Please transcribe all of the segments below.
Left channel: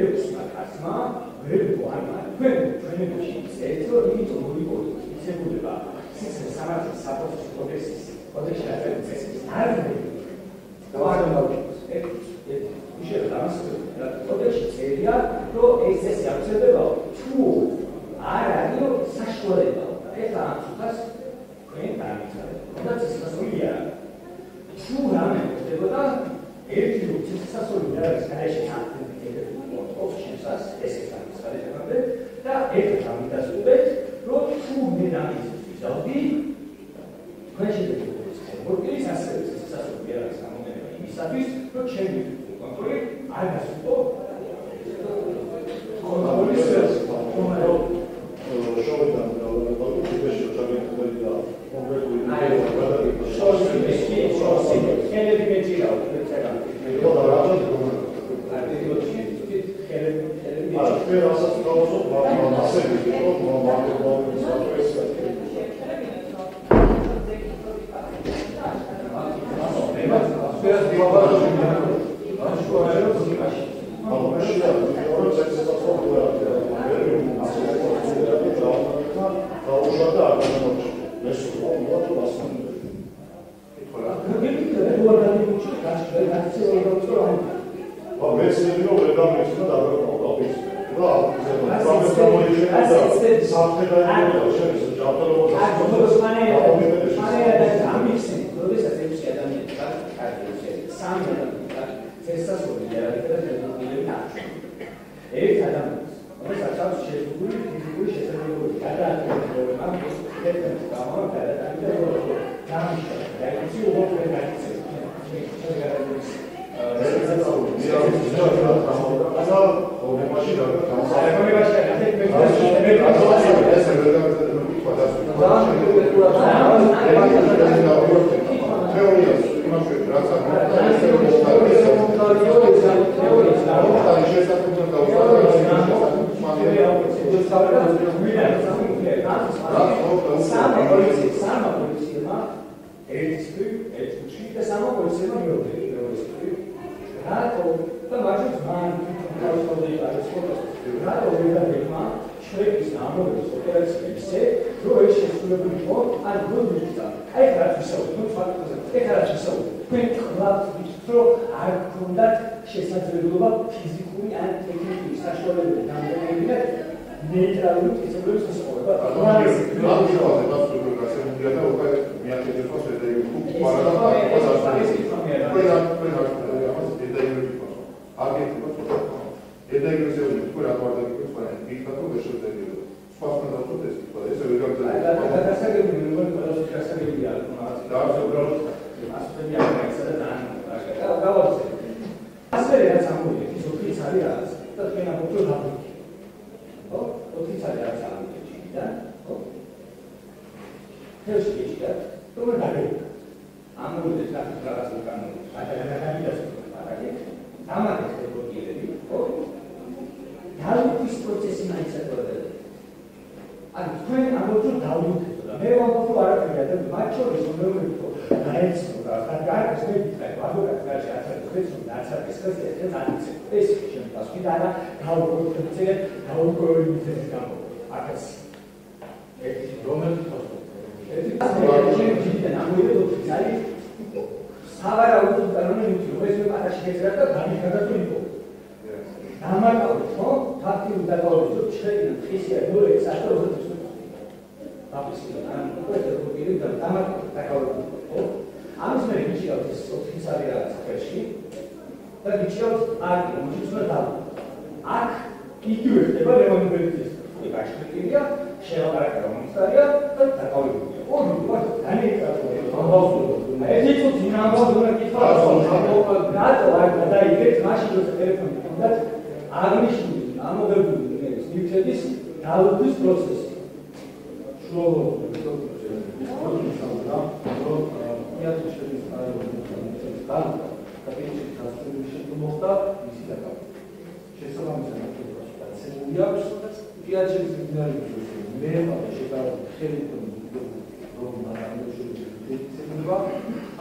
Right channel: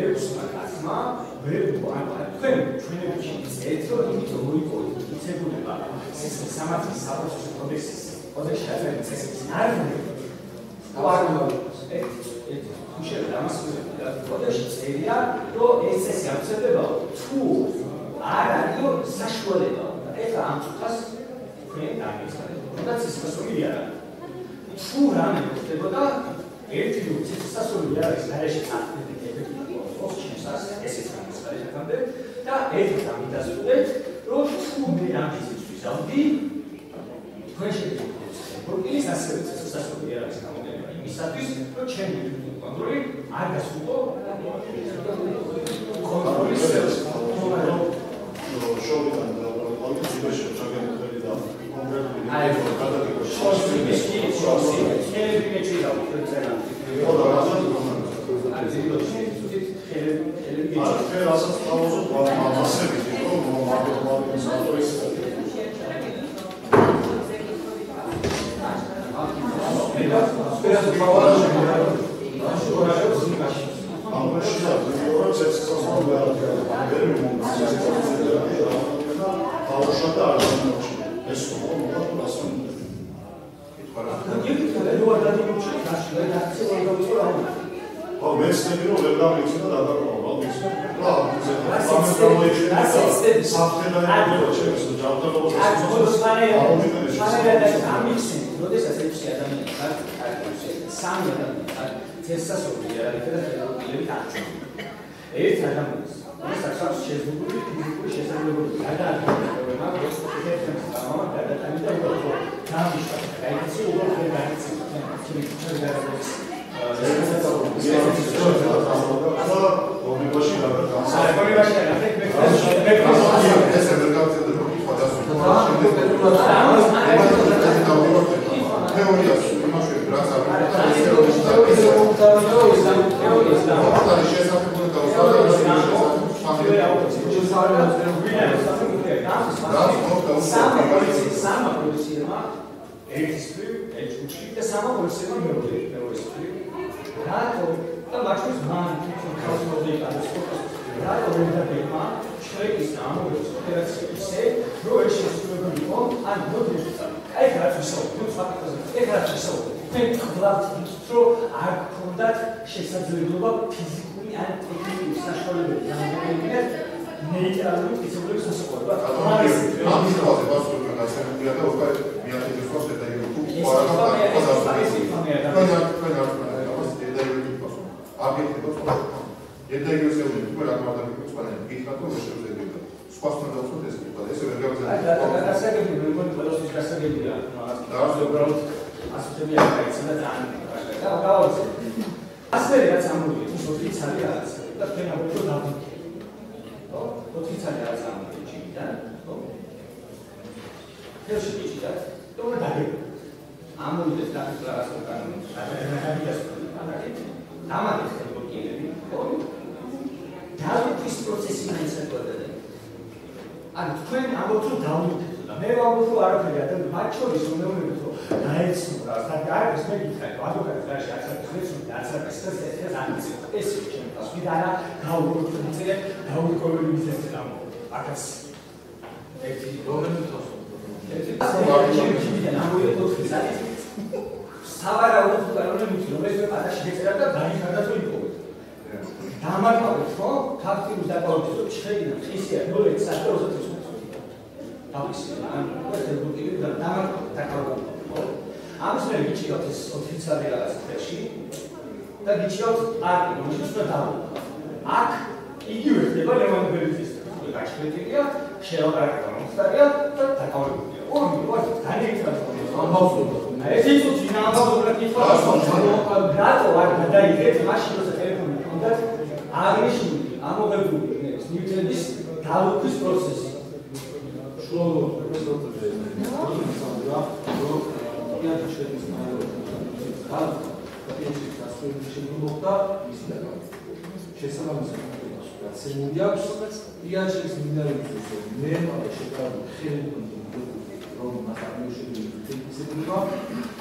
მეუს აკაცმა ვერ თქვენ ჩვენებში წერთ რომ იმიტომ მოიპოვეთ მიცებულება სამართლის საფოსტო კოდექსის კოდექსში აწერილი წესების არგუმენტი უშევ ამას კოდექსში წერია რომ ეს წესი აღწევებაო თუ არ არის საშუალება ეხლა ამ წუთას თქვენ დამიცადეთ თუნდაც ეს სასწაული არ არის თუ რამე ხდებოდა ერთი რუცის სასწაული არის გარეშე წახდებით ოქჩისას ესეც არის გარეშე და ერთ ამიტასუდეთ რომ თუ მე დამიცადეთ ვიზავდი თქვენ შეგიძლიათ ორკის ასევე სასწაული არის გამოგენება იმისათვის რომ ჩემი კონტროლი არ გასულიყო კონტროლის შოვიდან და პოლიტიკაში ჩაგეთქველი და კონკრეტული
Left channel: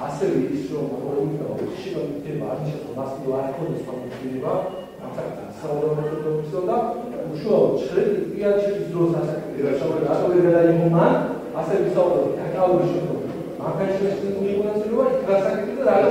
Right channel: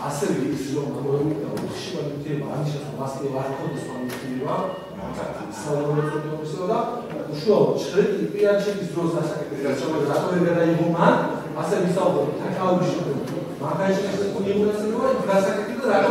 Asıl ოფისო და უშუალოდ ჭრიაჩის დროს ასაკები რაშავად რატოვება და იმომან ასე ვისაუბრეთ თაკაურში მაგაშეს უნივერსიტეტი გასაკეთე და რა